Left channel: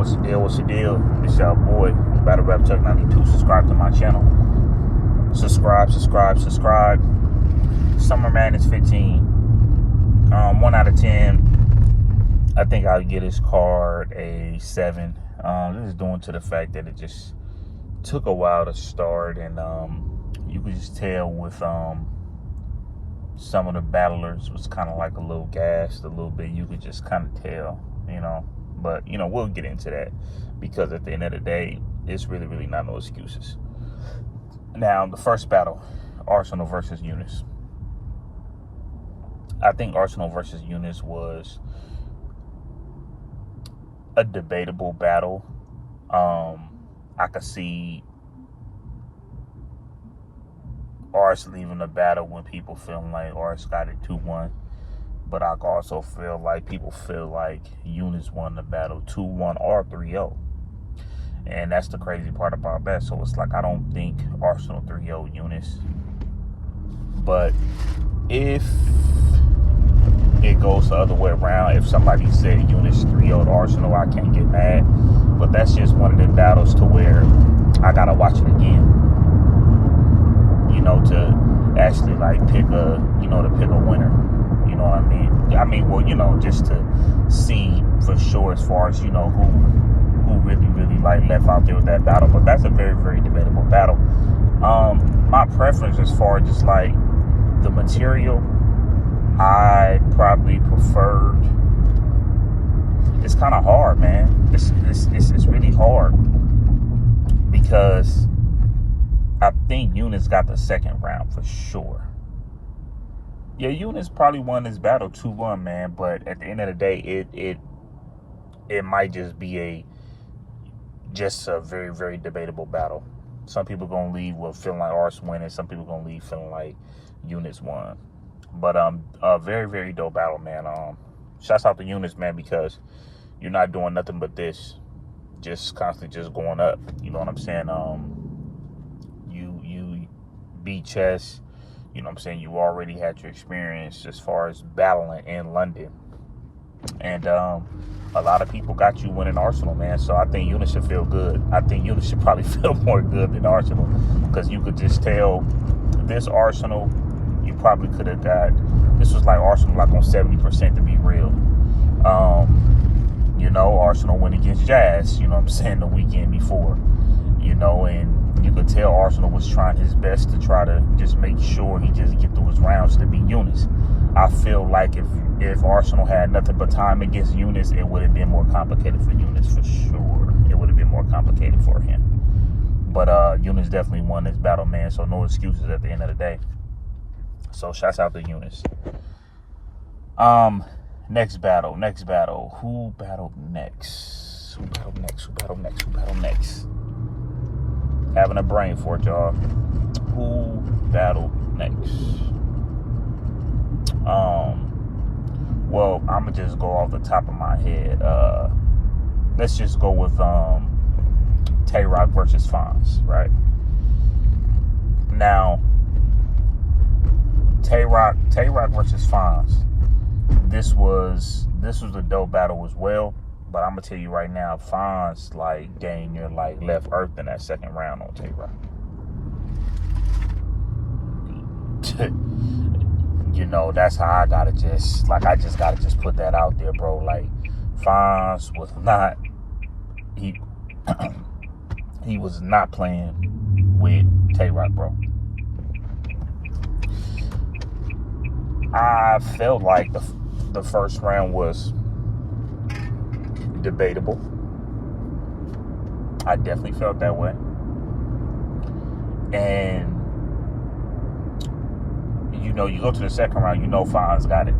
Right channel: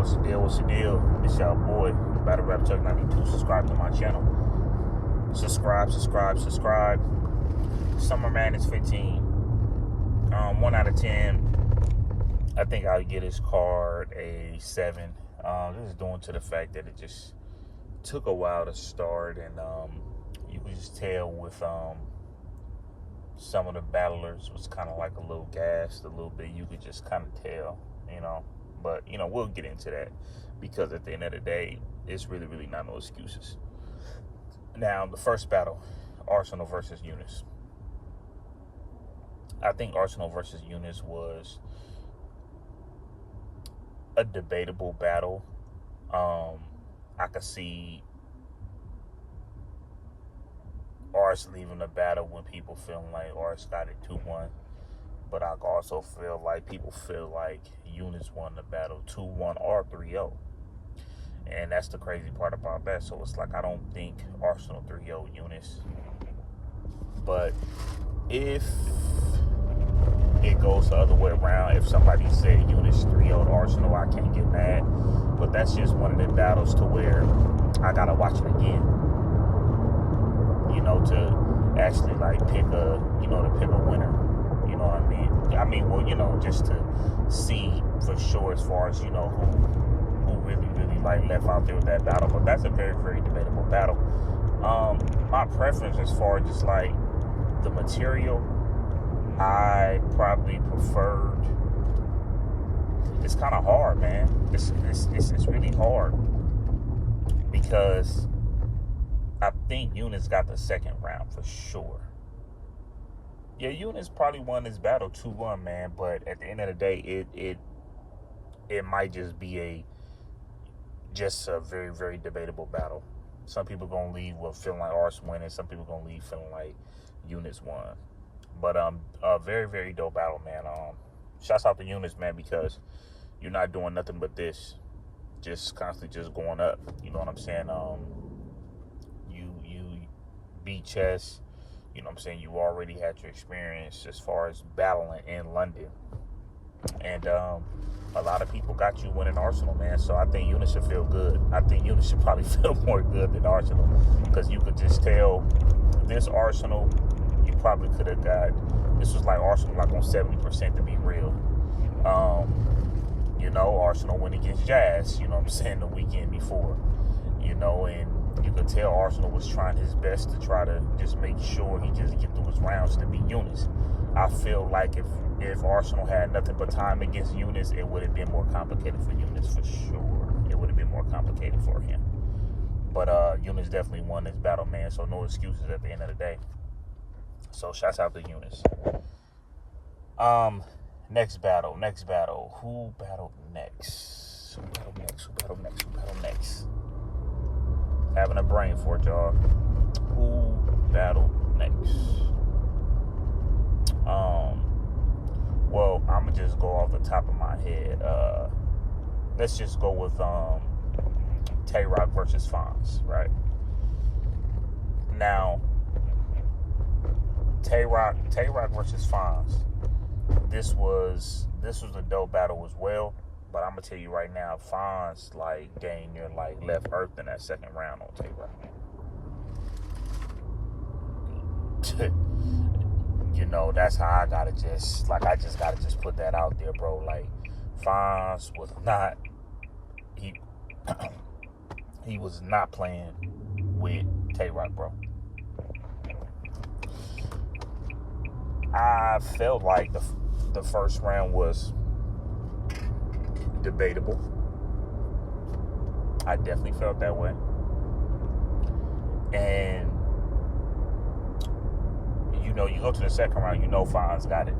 What's the deal? What's the deal? It's your boy, Battle Rap Chuck 92. Subscribe to my channel. Subscribe. Summer Madness 15. 1 out of 10. I think I'll get this card a 7. This is due to the fact that it just took a while to start, and you could just tell with some of the battlers was kind of like a little gassed a little bit. You could just kind of tell, But, we'll get into that, because at the end of the day, it's really not no excuses. Now, the first battle, Arsenal versus Eunice. I think Arsenal versus Eunice was a debatable battle. I could see Ars leaving the battle when people feeling like Ars got it 2-1. But I also feel like people feel like Eunice won the battle 2-1 or 3-0. And that's the crazy part about that. So it's like, I don't think Arsenal 3-0 Eunice. But if it goes the other way around, if somebody said Eunice 3-0 Arsenal, I can't get mad. But that's just one of the battles to where I gotta watch it again. To actually pick a winner. You know what I mean? Just to see for sure as far as, who really left out there with that battle. But that's a very debatable battle. My preference as far as just the material, I probably preferred. It's kind of hard, man. It's really hard, because I think Eunice got the second round for sure. Yeah, Eunice probably won this battle 2-1, man. But at the end of the day, it might just be a very debatable battle. Some people gonna leave with feeling like Ars winning. Some people gonna leave feeling like Eunice won. But a very dope battle, man. Shouts out to Eunice, man, because you're not doing nothing but this, just constantly just going up. You know what I'm saying? You beat chess. You know what I'm saying? You already had your experience as far as battling in London. And a lot of people got you winning Arsenal, man. So I think Eunice should feel good. I think Eunice should probably feel more good than Arsenal, because you could just tell this Arsenal, you probably could have got, this was like Arsenal on 70% to be real. Arsenal went against Jazz, the weekend before, and you could tell Arsenal was trying his best to try to just make sure he just get through his rounds to beat Eunice. I feel like if Arsenal had nothing but time against Eunice, it would have been more complicated for Eunice for sure. It would have been more complicated for him. But Eunice definitely won this battle, man, so no excuses at the end of the day. So shouts out to Eunice. Next battle. Who battled next? Having a brain for it, y'all. Who battled next? Well, I'm gonna just go off the top of my head. Let's just go with twork versus Fonz, right? Now, twork versus Fonz. This was a dope battle as well. But I'm gonna tell you right now, Fonz dang near left Earth in that second round on twork. That's how I gotta just gotta put that out there, bro. Fonz was not he was not playing with twork, bro. I felt like the first round was debatable. I definitely felt that way. And you go to the second round, Fonz got it.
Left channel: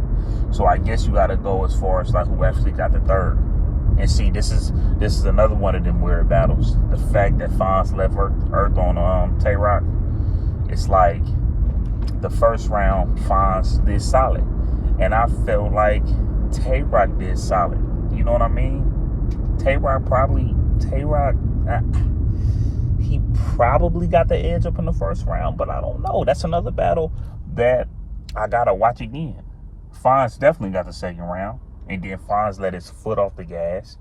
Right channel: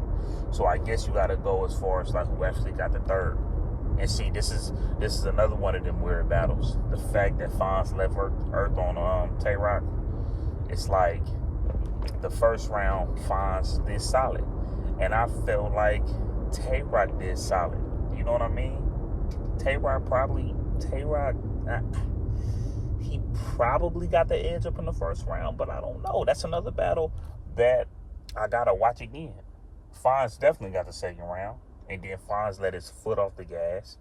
So I guess you gotta go as far as who actually got the third. And see, this is another one of them weird battles. The fact that Fonz left Earth on twork, it's like the first round Fonz did solid. And I felt like twork did solid. You know what I mean? twork he probably got the edge up in the first round, but I don't know. That's another battle that I gotta watch again. Fonz definitely got the second round, and then Fonz let his foot off the gas,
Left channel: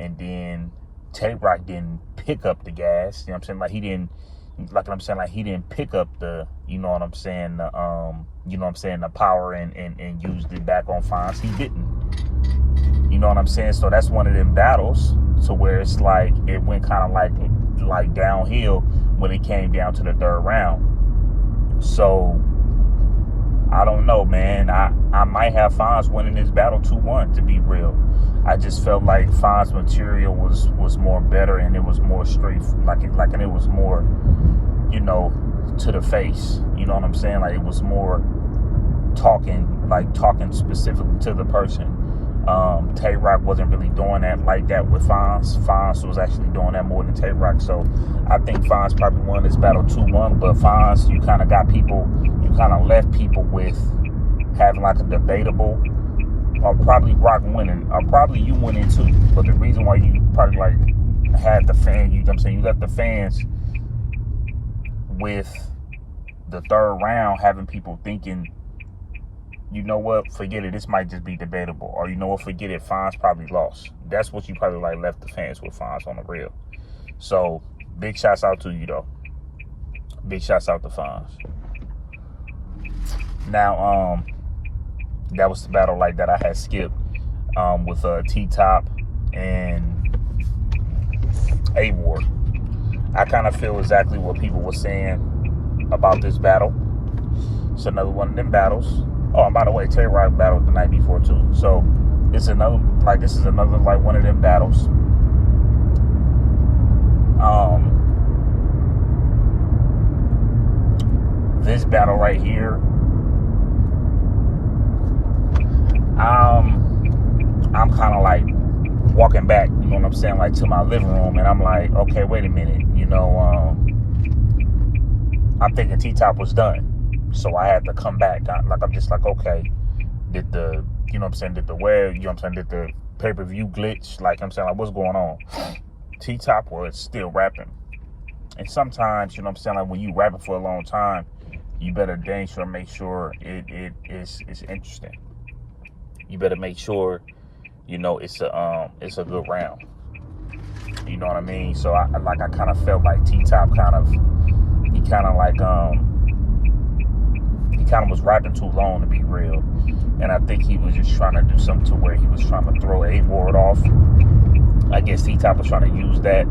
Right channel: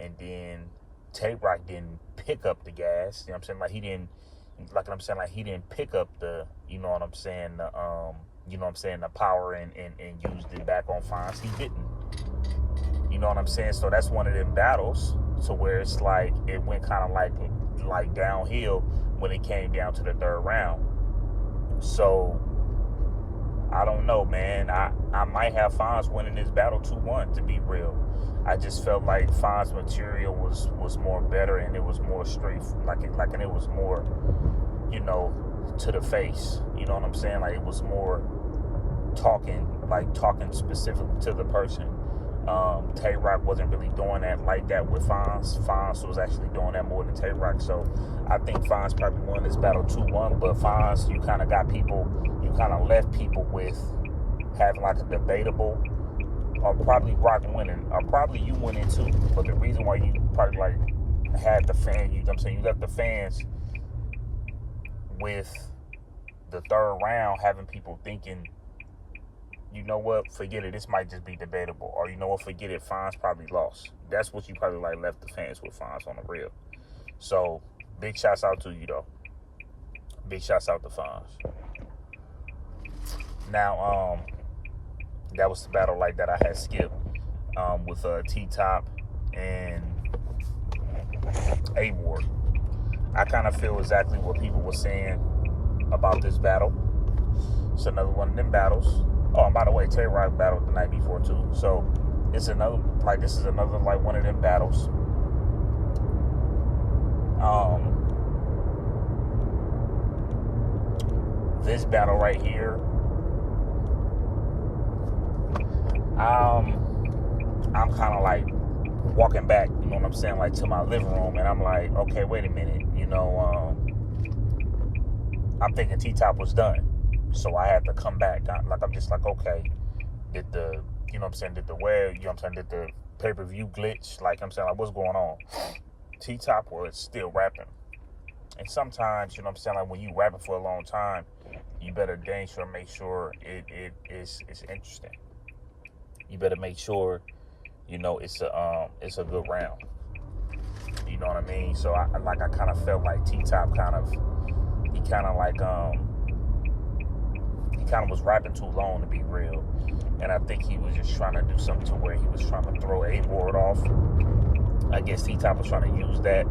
And then Tay-Rock didn't pick up the gas. You know what I'm saying? Like he didn't, like he didn't pick up the, you know what I'm saying, the power and used it back on Fonz. He didn't. You know what I'm saying? So that's one of them battles to where it's like it went kind of like downhill when it came down to the third round. So I don't know, man. I might have Fonz winning this battle 2-1, to be real. I just felt like Fonz material was more better, and it was more straight, and it was more, you know, to the face. You know what I'm saying? Like it was more talking specifically to the person. Tay-Rock wasn't really doing that like that with Fonz. Fonz was actually doing that more than Tay-Rock. So I think Fonz probably won this battle 2-1. But Fonz, you kind of left people with having like a debatable, or probably Rock winning, or probably you winning too. But the reason why you probably like had the fans, you know what I'm saying, you left the fans with the third round having people thinking, you know what, forget it, this might just be debatable. Or you know what, forget it, Fonz probably lost. That's what you probably like left the fans with, Fonz, on the real. So big shouts out to you though. Big shouts out to Fonz. Now, that was the battle like that I had skipped with T-Top and A-Ward. I kind of feel exactly what people were saying about this battle. It's another one of them battles. Oh, and by the way, Tay-Rock battled the night before too. So this is another one of them battles. This battle right here, I'm kind of like walking back, you know what I'm saying, like to my living room, and I'm like, okay, wait a minute, you know, I'm thinking T-Top was done, so I had to come back. I'm just like, okay, did the, you know what I'm saying, did the pay-per-view glitch, like I'm saying, like what's going on? T-Top was still rapping, and sometimes, you know what I'm saying, like when you rapping for a long time, you better dang sure make sure it's interesting. You better make sure, you know, it's a good round. You know what I mean? So I kind of felt like T-Top he was rapping too long, to be real. And I think he was just trying to do something to where he was trying to throw A-Ward off. I guess T-Top was trying to use that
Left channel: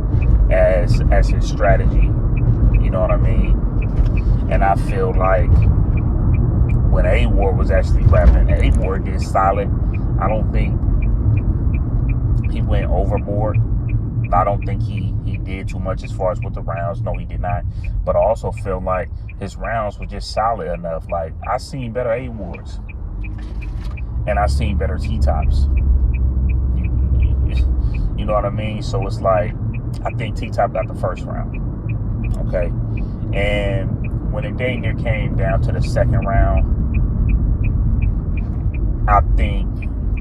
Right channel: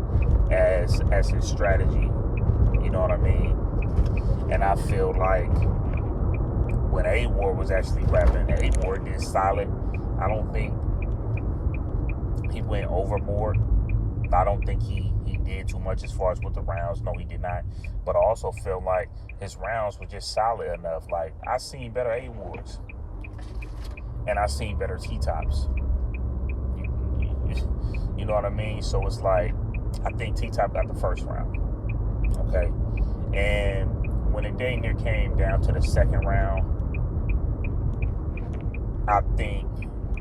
as his strategy. You know what I mean? And I feel like when A-Ward was actually rapping, A-Ward did solid. I don't think he went overboard. I don't think he did too much as far as with the rounds. No, he did not. But I also feel like his rounds were just solid enough. Like, I seen better A-Wards. And I seen better T-Tops. You know what I mean? So it's like, I think T-Top got the first round. Okay? And when it dang near came down to the second round, I think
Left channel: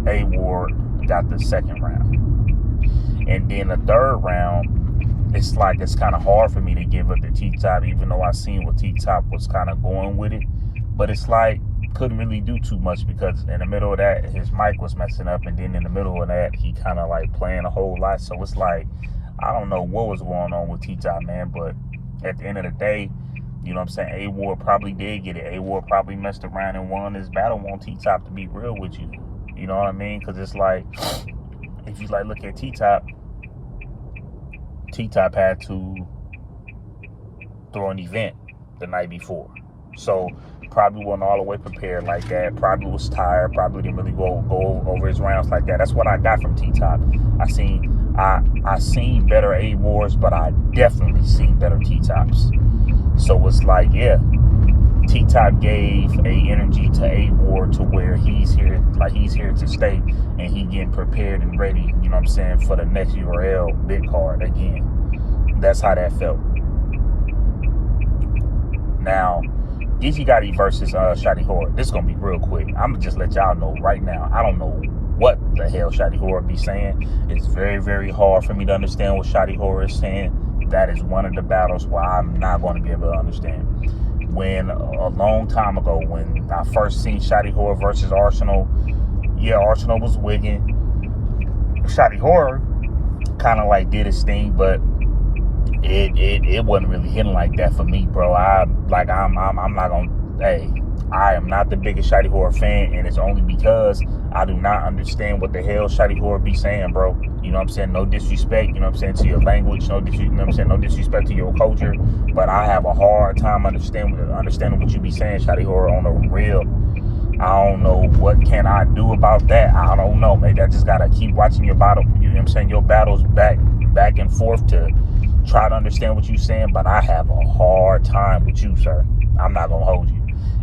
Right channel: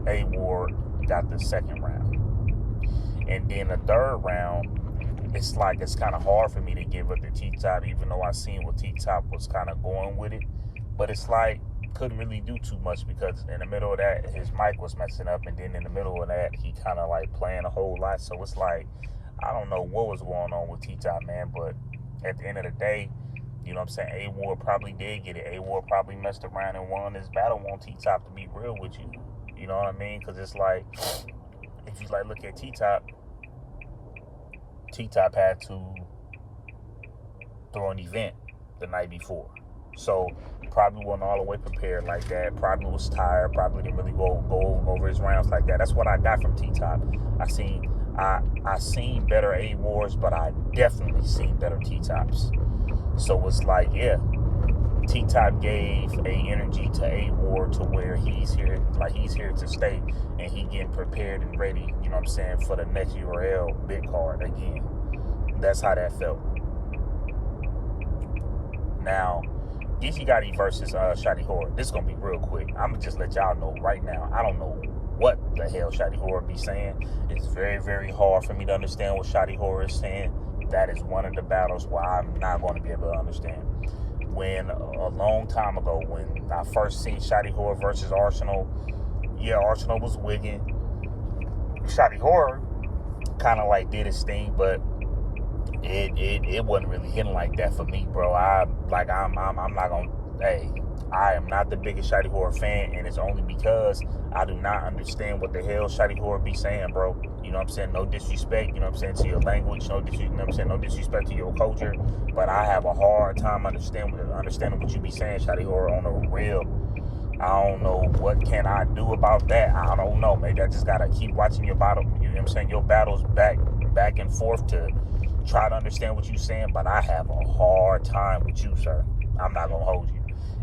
A-Ward got the second round. And then the third round, it's kind of hard for me to give up to T-Top, even though I seen what T-Top was kind of going with it. But it's like, couldn't really do too much because in the middle of that, his mic was messing up. And then in the middle of that, he kind of like playing a whole lot. So it's like, I don't know what was going on with T-Top, man. But at the end of the day, you know what I'm saying, A-Ward probably did get it. A-Ward probably messed around and won this battle on T-Top, to be real with you. You know what I mean? Because it's like, if you like look at T-Top had to throw an event the night before. So probably wasn't all the way prepared like that. Probably was tired. Probably didn't really go over his rounds like that. That's what I got from T-Top. I seen better A-Wards, but I definitely seen better T-Tops. So it's like, yeah, T-Top gave a energy to A-Ward to where he's here to stay, and he getting prepared and ready, you know what I'm saying, for the next URL big card again. That's how that felt. Now, Geezy Gotti versus Shotty Horror. This is going to be real quick. I'm going to just let y'all know right now. I don't know what the hell Shotty Horror be saying. It's very, very hard for me to understand what Shotty Horror is saying. That is one of the battles where I'm not going to be able to understand. When a long time ago, when I first seen Shotty Horror versus Arsenal, yeah, Arsenal was wigging. Shotty Horror kind of like did his thing, but it wasn't really hitting like that for me, bro. I'm not gonna. Hey, I am not the biggest Shady Horror fan, and it's only because I do not understand what the hell Shady Horror be saying, bro. You know what I'm saying? No disrespect, you know what I'm saying, to your language, no disrespect to your culture, but I have a hard time understanding what you be saying, Shady Horror, on the real. I don't know what can I do about that. I don't know. Maybe I just gotta keep watching your battle. You know what I'm saying? Your battles back and forth to try to understand what you're saying, but I have a hard time with you, sir. I'm not gonna hold you.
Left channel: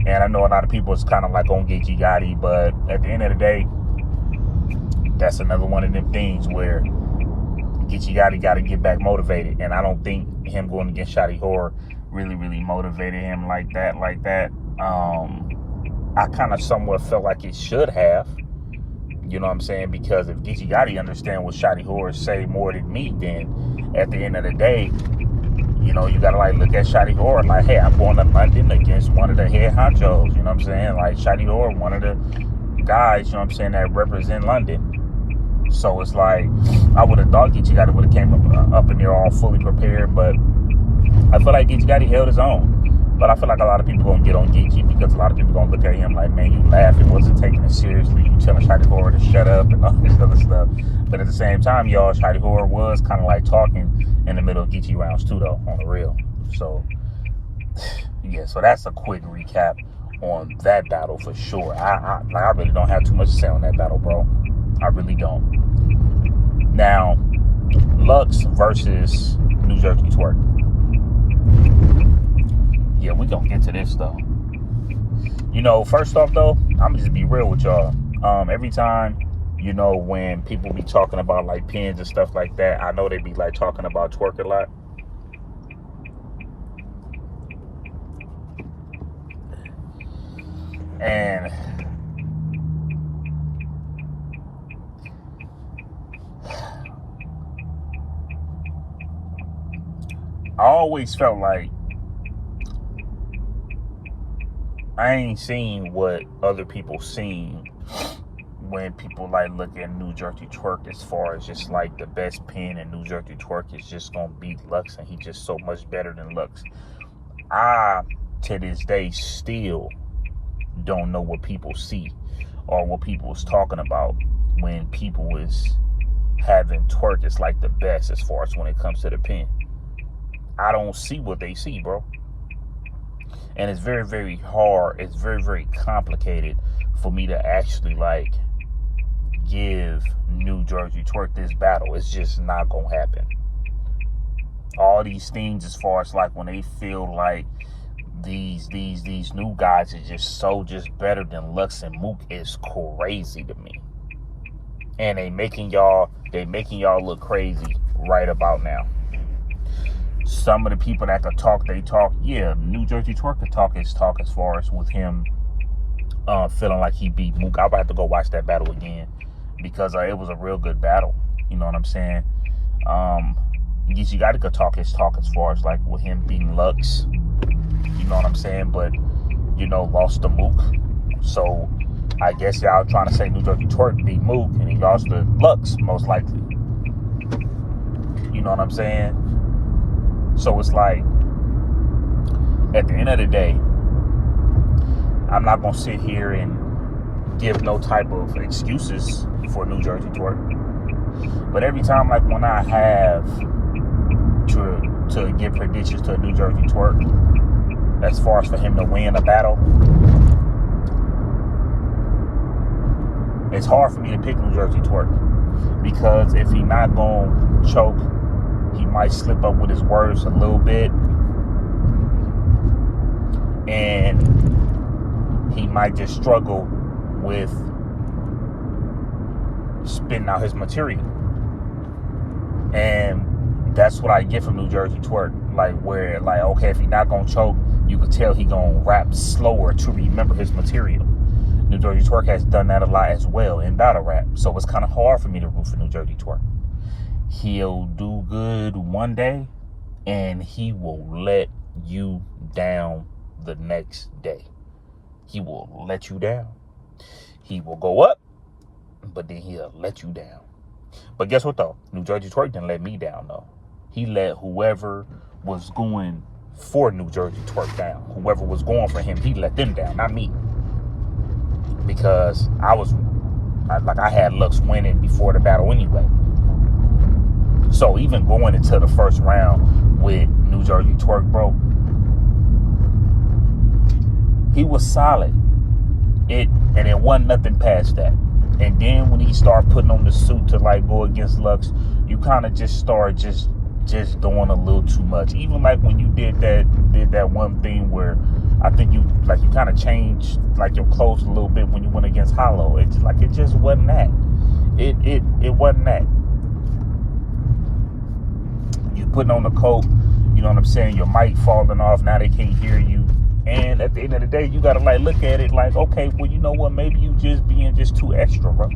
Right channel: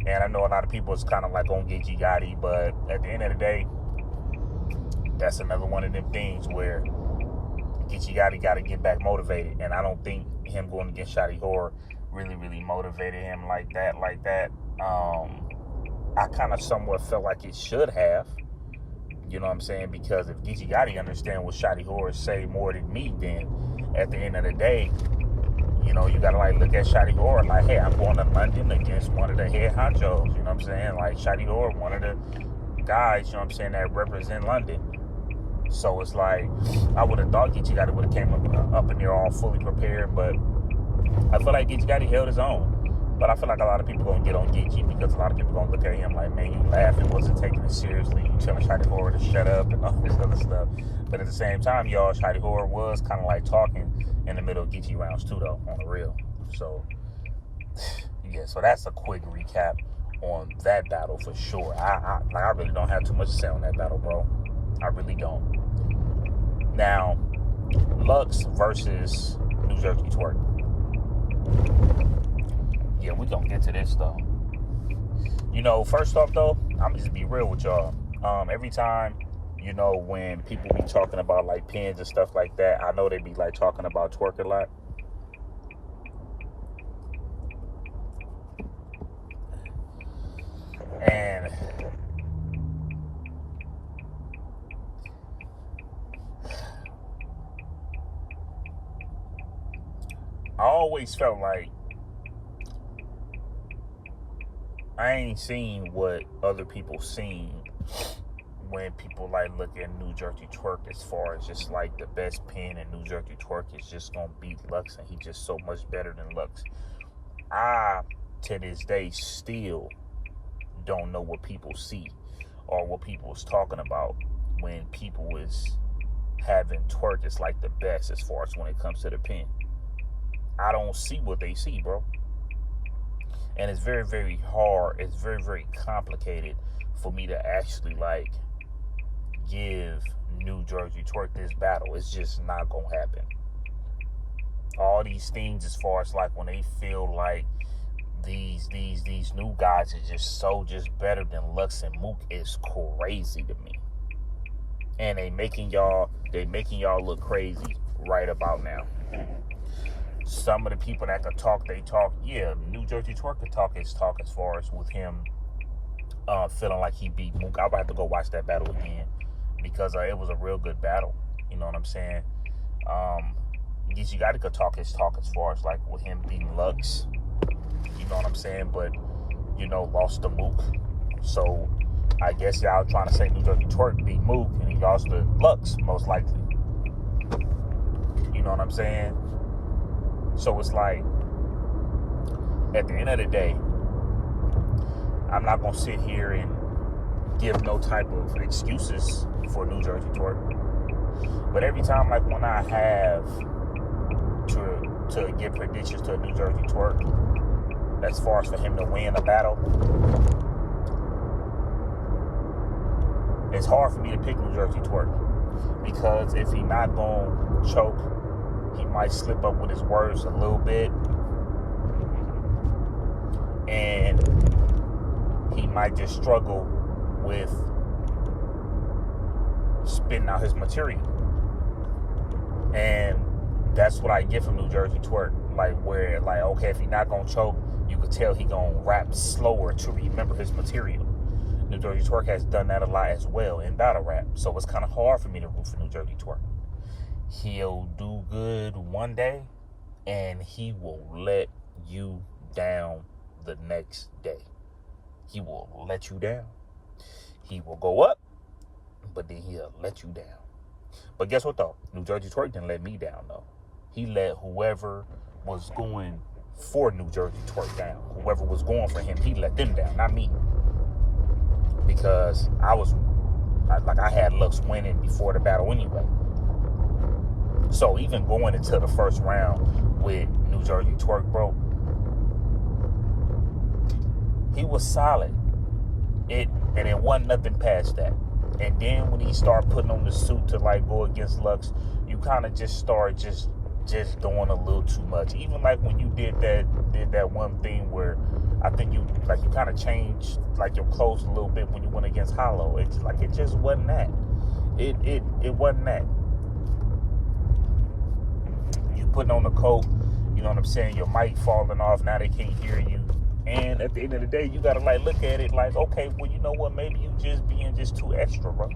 And I know a lot of people is kind of like on Geechee Gotti, but at the end of the day, that's another one of them things where Geechee Gotti got to get back motivated. And I don't think him going against Shady Horror really motivated him like that. I kind of somewhat felt like it should have. You know what I'm saying? Because if Geechee Gotti understand what Shady Horror say more than me, then at the end of the day, you know, you gotta like look at Shady Horror like, hey, I'm going to London against one of the head honchos. You know what I'm saying? Like Shady Horror, one of the guys, you know what I'm saying, that represent London. So it's like, I would have thought Geechee Gotti would have came up in there all fully prepared, but I feel like Geechee Gotti held his own. But I feel like a lot of people gonna get on Geechee because a lot of people gonna look at him like, man, you laughing, wasn't taking it seriously, you telling Shady Horror to shut up and all this other stuff. But at the same time, y'all, Shady Horror was kind of like talking in the middle of Geechee rounds too, though, on the real. So yeah, so that's a quick recap on that battle for sure. I really don't have too much to say on that battle, bro. I really don't. Now, Lux versus New Jersey Twork. Yeah, we gonna get to this though. You know, first off though, I'm gonna just be real with y'all. Every time, you know, when people be talking about like pins and stuff like that, I know they be like talking about Twork a lot. And I always felt like I ain't seen what other people seen when people like look at New Jersey Twork as far as just like the best pin, and New Jersey Twork is just gonna beat Lux and he's just so much better than Lux. I, to this day, still don't know what people see or what people is talking about when people is having Twork as like the best as far as when it comes to the pin. I don't see what they see, bro. And it's very hard. It's very complicated for me to actually like give New Jersey Twork this battle. It's just not gonna happen. All these things as far as like when they feel like these new guys are just better than Lux and Mook is crazy to me. And they making y'all look crazy right about now. Some of the people that could talk, they talk. Yeah, New Jersey Twork could talk his talk as far as with him feeling like he beat Mook. I would have to go watch that battle again because it was a real good battle. You know what I'm saying? Geechee Gotti could talk his talk as far as like with him beating Lux. You know what I'm saying? But, you know, lost to Mook. So I guess y'all trying to say New Jersey Twork beat Mook and he lost to Lux, most likely. You know what I'm saying? So it's like, at the end of the day, I'm not going to sit here and give no type of excuses for New Jersey Twork. But every time, like when I have to give predictions to New Jersey Twork, as far as for him to win a battle, it's hard for me to pick New Jersey Twork. Because if he not going to choke, he might slip up with his words a little bit. And he might just struggle with spitting out his material. And that's what I get from New Jersey Twork. Like where, like, okay, if he not going to choke, you could tell he going to rap slower to remember his material. New Jersey Twork has done that a lot as well in battle rap. So it's kind of hard for me to root for New Jersey Twork. He'll do good one day, and he will let you down the next day. He will let you down. He will go up, but then he'll let you down. But guess what, though? New Jersey Twerk didn't let me down, though. He let whoever was going for New Jersey Twerk down. Whoever was going for him, he let them down, not me. Because I had Lux winning before the battle anyway. So even going into the first round with New Jersey Twerk, bro, he was solid. And it wasn't nothing past that. And then when he started putting on the suit to like go against Lux, you kind of just start just doing a little too much. Even like when you did that one thing where I think you kind of changed like your clothes a little bit when you went against Hollow. It just wasn't that. It wasn't that. You putting on the coat, you know what I'm saying? Your mic falling off, now they can't hear you. And at the end of the day, you gotta like look at it like, okay, well, you know what? Maybe you just being just too extra, bro.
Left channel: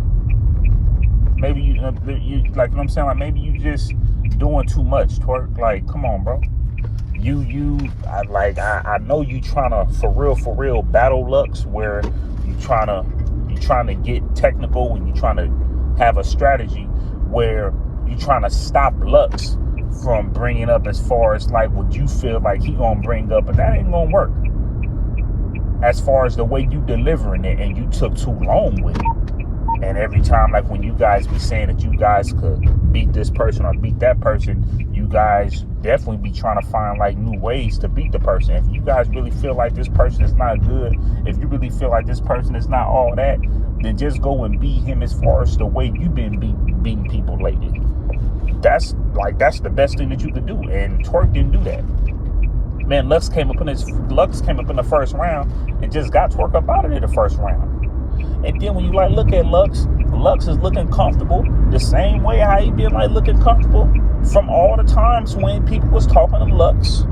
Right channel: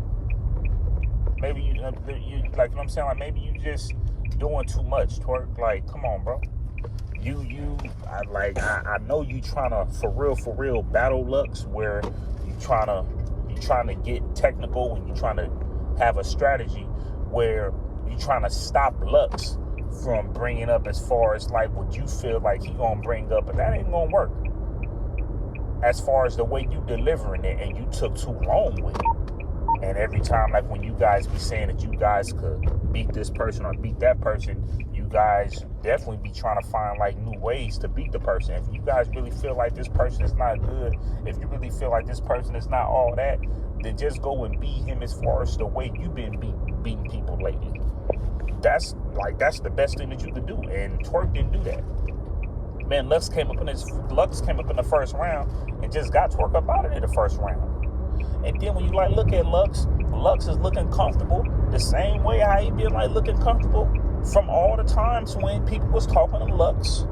Maybe you like, you know what I'm saying? Like maybe you just doing too much, Twerk. Like, come on, bro. I know you trying to for real battle Lux, where you trying to get technical and you trying to have a strategy where you trying to stop Lux from bringing up as far as like what you feel like he gonna bring up, but that ain't gonna work. As far as the way you delivering it, and you took too long with it. And every time, like when you guys be saying that you guys could beat this person or beat that person, you guys definitely be trying to find like new ways to beat the person. If you guys really feel like this person is not good, if you really feel like this person is not all that, then just go and beat him as far as the way you've been beating people lately. That's the best thing that you could do. And Twerk didn't do that. Man, Lux came up in the first round and just got Twerk up out of there the first round. And then when you like look at Lux is looking comfortable the same way how he been like looking comfortable from all the times when people was talking to Lux.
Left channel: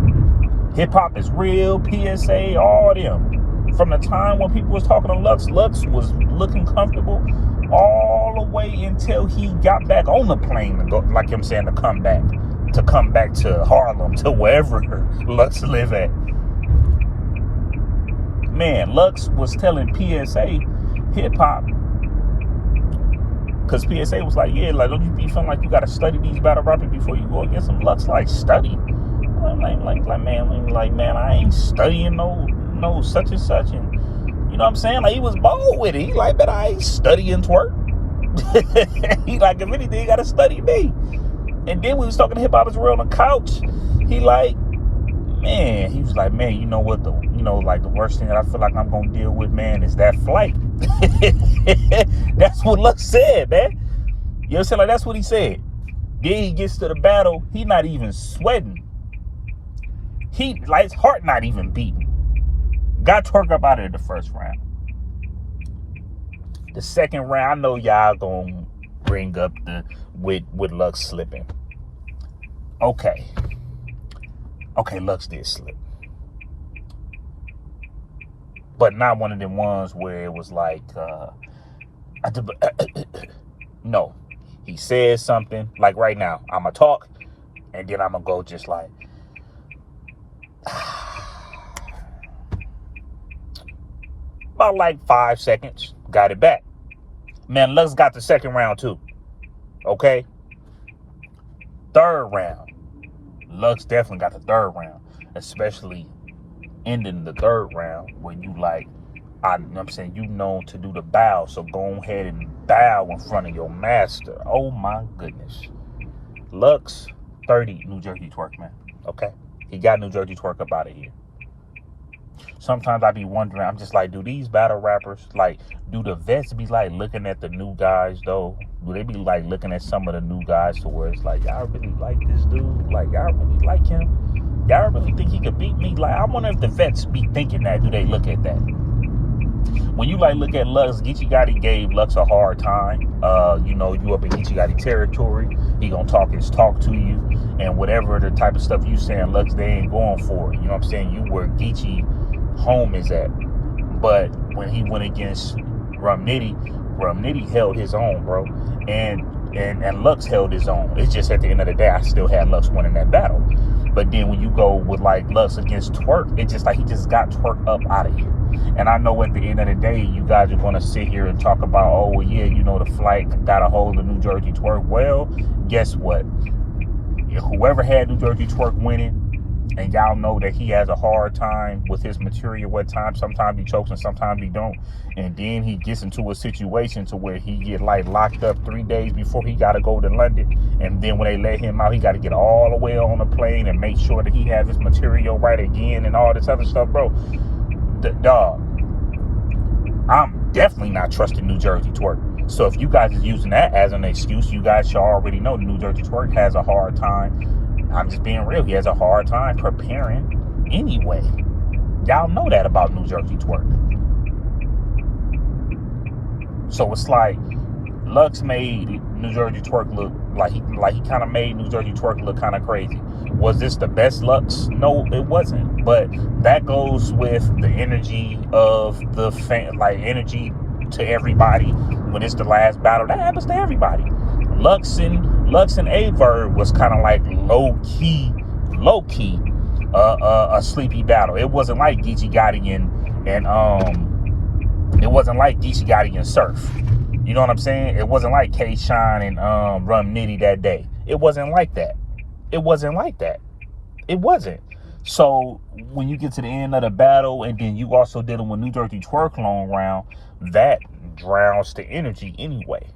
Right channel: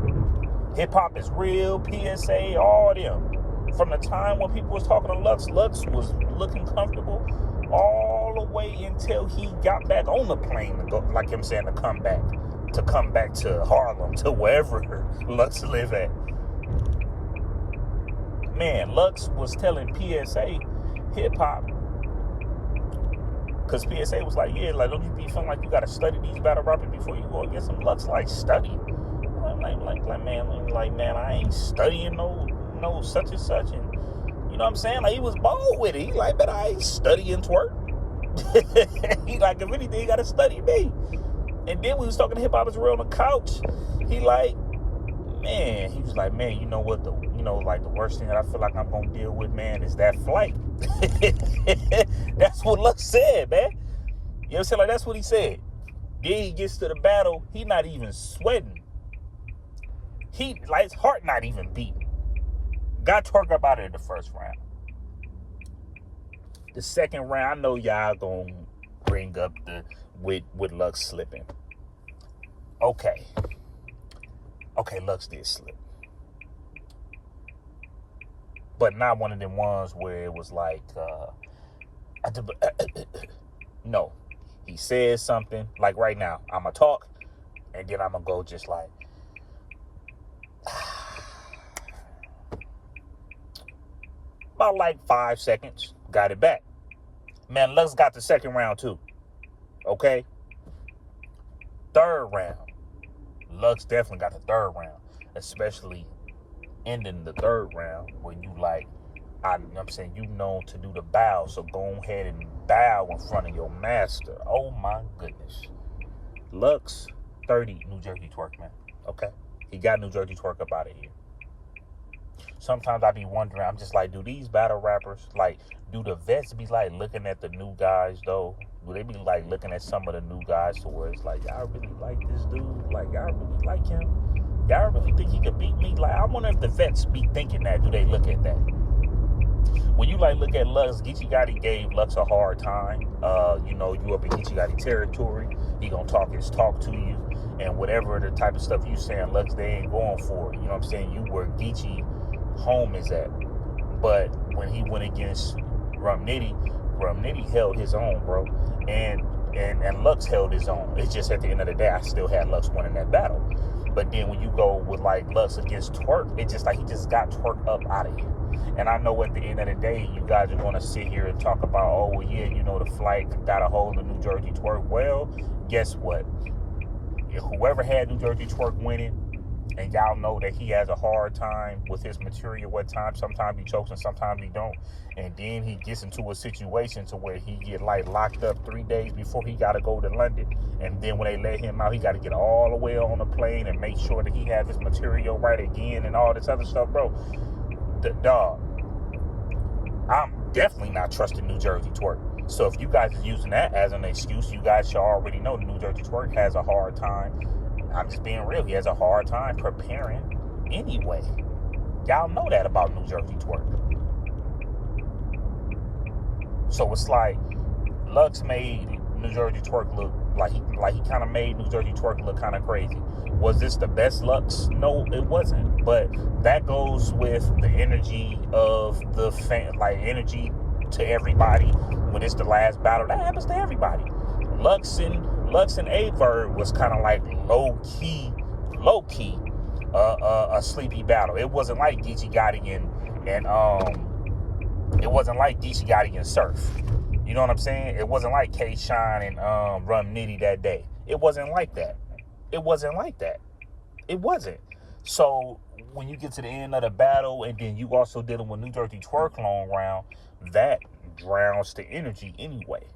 Hip hop is real, PSA, all them. From the time when people was talking to Lux was looking comfortable all the way until he got back on the plane to go, like I'm saying, to come back to Harlem, to wherever Lux live at. Man, Lux was telling PSA hip hop, because PSA was like, yeah, like don't you be feeling like you gotta study these battle rappers before you go against them? Lux like study. Man, I ain't studying no such and such, and you know what I'm saying? Like he was bold with it. He like, but I ain't studying Twerk. He like, if anything, you gotta study me. And then when we was talking to hip hop is real on the couch, he was like, man, you know what, like the worst thing that I feel like I'm gonna deal with, man, is that flight. That's what Lux said, man. You know what I'm saying? Like that's what he said. Then he gets to the battle, he not even sweating. He like his heart not even beating. Got Twerk up out of the first round. The second round, I know y'all gonna bring up with Lux slipping. Okay, Lux did slip. But not one of them ones where it was like, no. He said something, like right now, I'm going to talk, and then I'm going to go just like, about like 5 seconds, got it back. Man, Lux got the second round too. Okay? Third round. Lux definitely got the third round. Especially ending the third round when you like, I'm saying you known to do the bow. So go ahead and bow in front of your master. Oh my goodness. Lux 30 New Jersey Twerk, man. Okay? He got New Jersey Twerk up out of here. Sometimes I be wondering, I'm just like, do these battle rappers, like, do the vets be like looking at the new guys though? Do they be like looking at some of the new guys to where it's like, y'all really like this dude? Like, y'all really like him? Y'all really think he could beat me? Like, I wonder if the vets be thinking that. Do they look at that? When you like look at Lux, Geechee Gotti gave Lux a hard time. You up in Geechee Gotti territory. He gonna talk his talk to you. And whatever the type of stuff you saying, Lux, they ain't going for it. You know what I'm saying? You where Geechee home is at. But when he went against Rum Nitty held his own, bro. And Lux held his own. It's just at the end of the day, I still had Lux winning that battle. But then when you go with like Lux against Twork, it's just like he just got Twork up out of here. And I know at the end of the day, you guys are going to sit here and talk about, oh, well, yeah, you know, the flight got a hold of New Jersey Twork. Well, guess what? Whoever had New Jersey Twork winning, and y'all know that he has a hard time with his material at times. Sometimes he chokes and sometimes he don't. And then he gets into a situation to where he get like locked up 3 days before he got to go to London. And then when they let him out, he got to get all the way on the plane and make sure that he has his material right again and all this other stuff, bro. Dog, I'm definitely not trusting New Jersey Twork. So if you guys is using that as an excuse, you guys should already know New Jersey Twork has a hard time. I'm just being real. He has a hard time preparing anyway. Y'all know that about New Jersey Twork. So it's like Lux made New Jersey Twork look like he kind of made New Jersey Twork look kind of crazy. Was this the best Lux? No, it wasn't. But that goes with the energy of the fan, like energy to everybody. When it's the last battle, that happens to everybody. Lux and Averb was kind of like low key, a sleepy battle. It wasn't like Geechee Gotti and Surf. You know what I'm saying? It wasn't like K-Shine and Rum Nitty that day. It wasn't like that. It wasn't. So when you get to the end of the battle, and then you also dealing with New Jersey Twork long round, that drowns the energy anyway.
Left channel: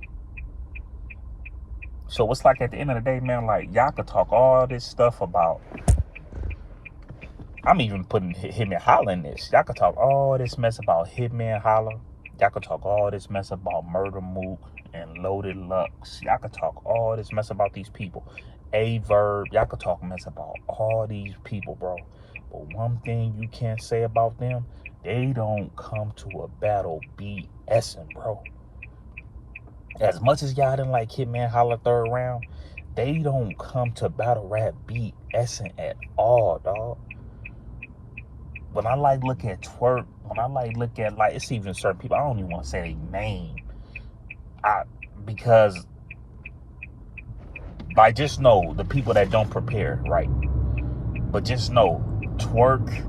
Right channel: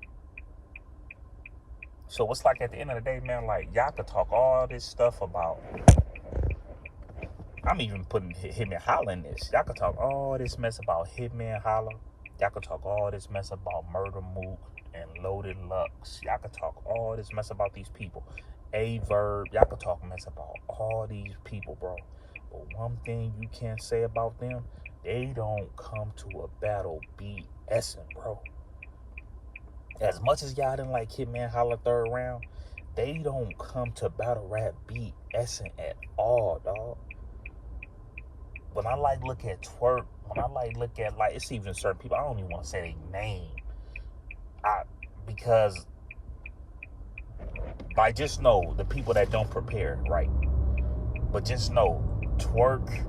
So it's like at the end of the day, man, like y'all could talk all this stuff about. I'm even putting Hitman Holla in this. Y'all could talk all this mess about Hitman Holla. Y'all could talk all this mess about Murder Mook and Loaded Lux. Y'all could talk all this mess about these people. Averb. Y'all could talk mess about all these people, bro. But one thing you can't say about them, they don't come to a battle BSing, bro. As much as y'all didn't like Hitman Holla third round, they don't come to battle rap BSing at all, dog. When I like look at Twork, when I like look at like it's even certain people, I don't even want to say their name. Because like just know the people that don't prepare, right? But just know Twork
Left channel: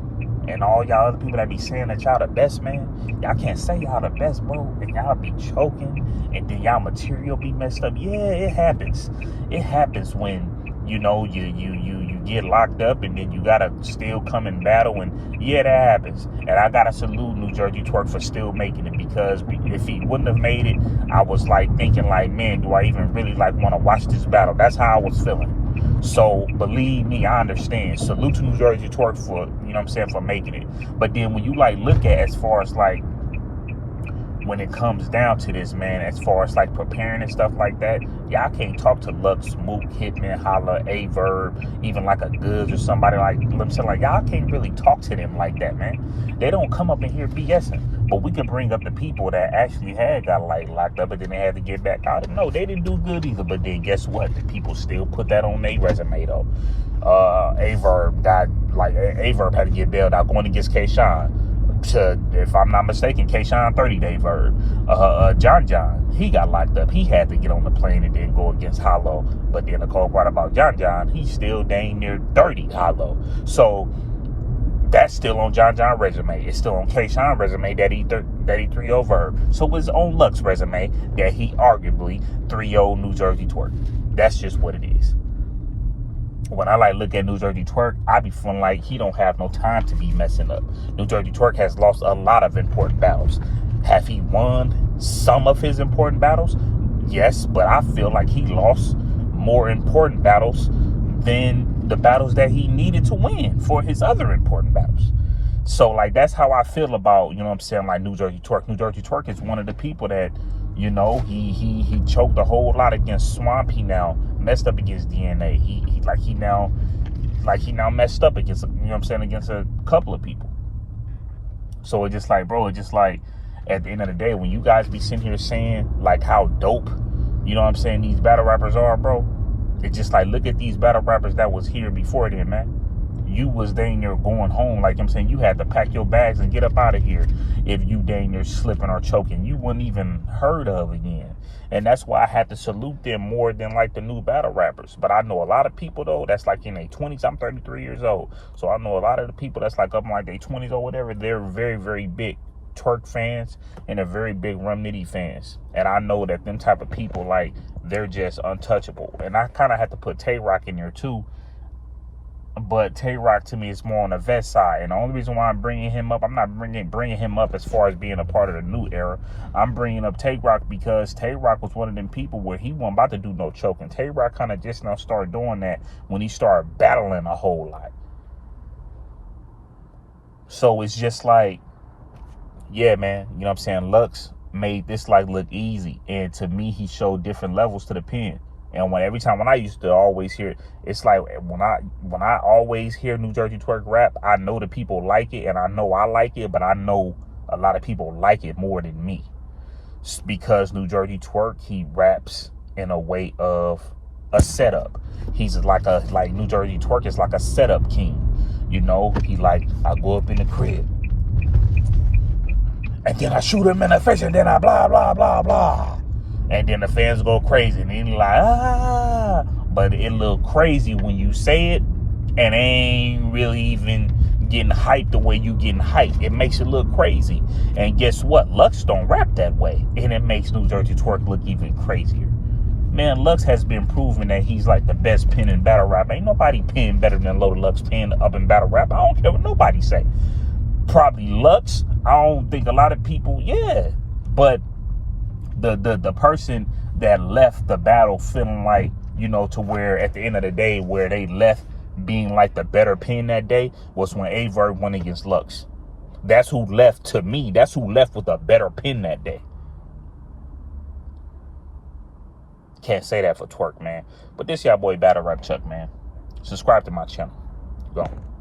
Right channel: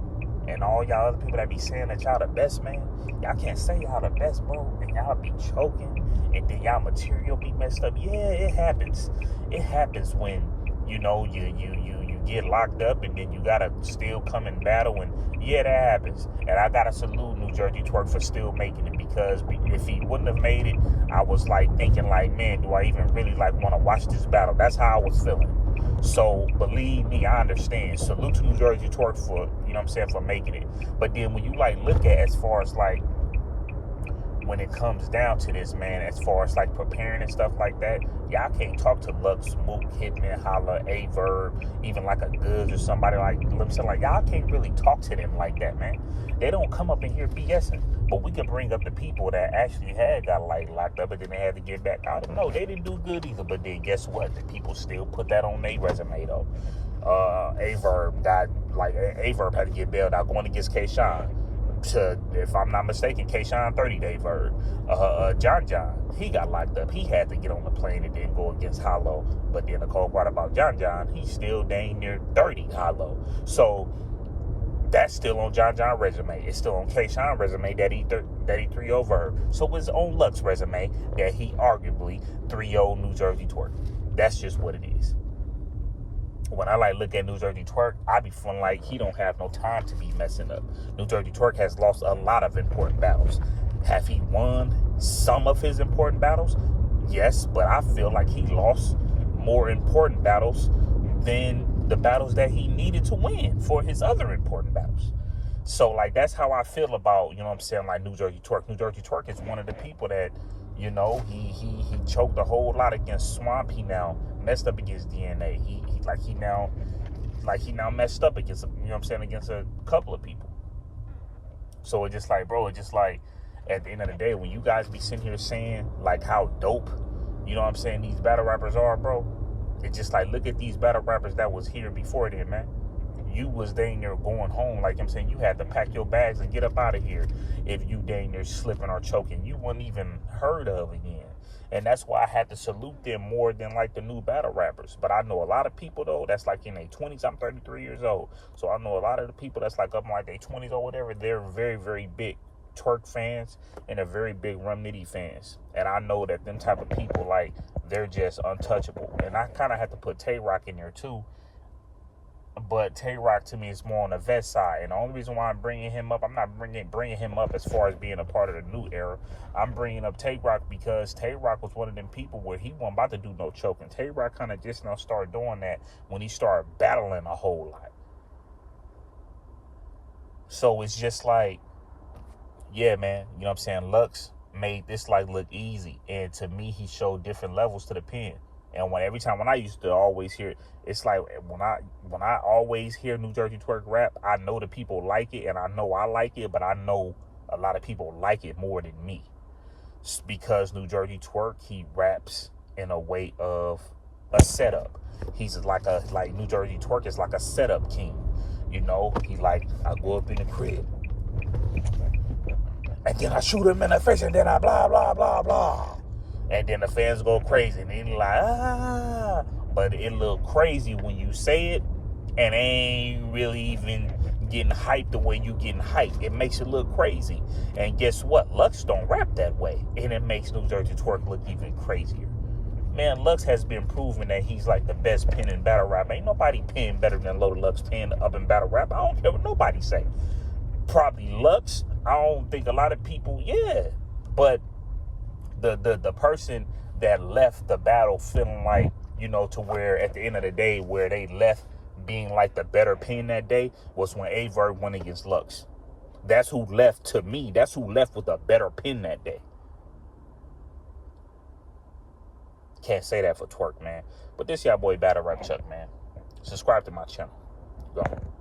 and all y'all other people that be saying that y'all the best, man, y'all can't say y'all the best, bro, and y'all be choking, and then y'all material be messed up. Yeah, it happens. It happens when, you know, you get locked up, and then you gotta still come in battle, and yeah, that happens. And I gotta salute New Jersey Twork for still making it, because if he wouldn't have made it, I was like thinking like, man, do I even really like want to watch this battle? That's how I was feeling. So believe me, I understand. Salute to New Jersey Twork for, you know what I'm saying, for making it. But then when you like look at as far as like when it comes down to this, man, as far as like preparing and stuff like that, y'all can't talk to Lux, Mook, Hitman, Holla, Averb, even like a Goods or somebody like them. So like y'all can't really talk to them like that, man. They don't come up in here BSing. But we can bring up the people that actually had got like locked up and then they had to get back out. No, they didn't do good either. But then guess what? The people still put that on their resume though. Averb had to get bailed out going against K-Shine. If I'm not mistaken, K-Shine 30-day verb. John, he got locked up. He had to get on the plane and then go against Hollow. But then the cold part about John, he's still dang near 30 Hollow. So that's still on John resume. It's still on K-Shine resume that he 3-0 verb. So it's on Lux resume that he arguably 3-0 New Jersey Twork. That's just what it is. When I like look at New Jersey Twork, I be feeling like he don't have no time to be messing up. New Jersey Twork has lost a lot of important battles. Have he won some of his important battles? Yes, but I feel like he lost more important battles than the battles that he needed to win for his other important battles. So like that's how I feel about, you know what I'm saying, like New Jersey Twork. New Jersey Twork is one of the people that, you know, he choked a whole lot against Swamp. He now messed up against DNA. He now messed up against, you know what I'm saying, against a couple of people. So it's just like, bro, it's just like at the end of the day, when you guys be sitting here saying like how dope, you know what I'm saying, these battle rappers are, bro, it's just like, look at these battle rappers that was here before then, man. You was dang near going home, like I'm saying, you had to pack your bags and get up out of here if you dang near slipping or choking. You wouldn't even heard of again. And that's why I had to salute them more than like the new battle rappers. But I know a lot of people though that's like in their 20s. I'm 33 years old. So I know a lot of the people that's like up in like their 20s or whatever, they're very, very big twerk fans and they're very big Rum Nitty fans. And I know that them type of people, like, they're just untouchable. And I kind of have to put Tay-Rock in there too. But Tay-Rock to me is more on the vet side. And the only reason why I'm bringing him up, I'm not bringing him up as far as being a part of the new era. I'm bringing up Tay-Rock because Tay-Rock was one of them people where he wasn't about to do no choking. Tay-Rock kind of just now started doing that when he started battling a whole lot. So it's just like, yeah, man, you know what I'm saying? Lux made this like look easy. And to me, he showed different levels to the pen. And every time I used to always hear, it's like when I always hear New Jersey Twerk rap, I know the people like it and I know I like it, but I know a lot of people like it more than me. Because New Jersey Twerk, he raps in a way of a setup. He's like New Jersey Twerk is like a setup king. You know, he like, I go up in the crib and then I shoot him in the face and then I blah, blah, blah, blah. And then the fans go crazy. And then like, ah. But it look crazy when you say it and ain't really even getting hyped the way you getting hyped. It makes it look crazy. And guess what? Lux don't rap that way. And it makes New Jersey Twerk look even crazier. Man, Lux has been proven that he's like the best pen in battle rap. Ain't nobody pen better than Loaded Lux pen up in battle rap. I don't care what nobody say. Probably Lux. I don't think a lot of people, yeah. But the person that left the battle feeling like, you know, to where at the end of the day where they left being like the better pen that day was when Averb went against Lux. That's who left, to me, that's who left with a better pen that day. Can't say that for Twerk, man. But this y'all boy Battle Rap Chuck, man. Subscribe to my channel. Go on.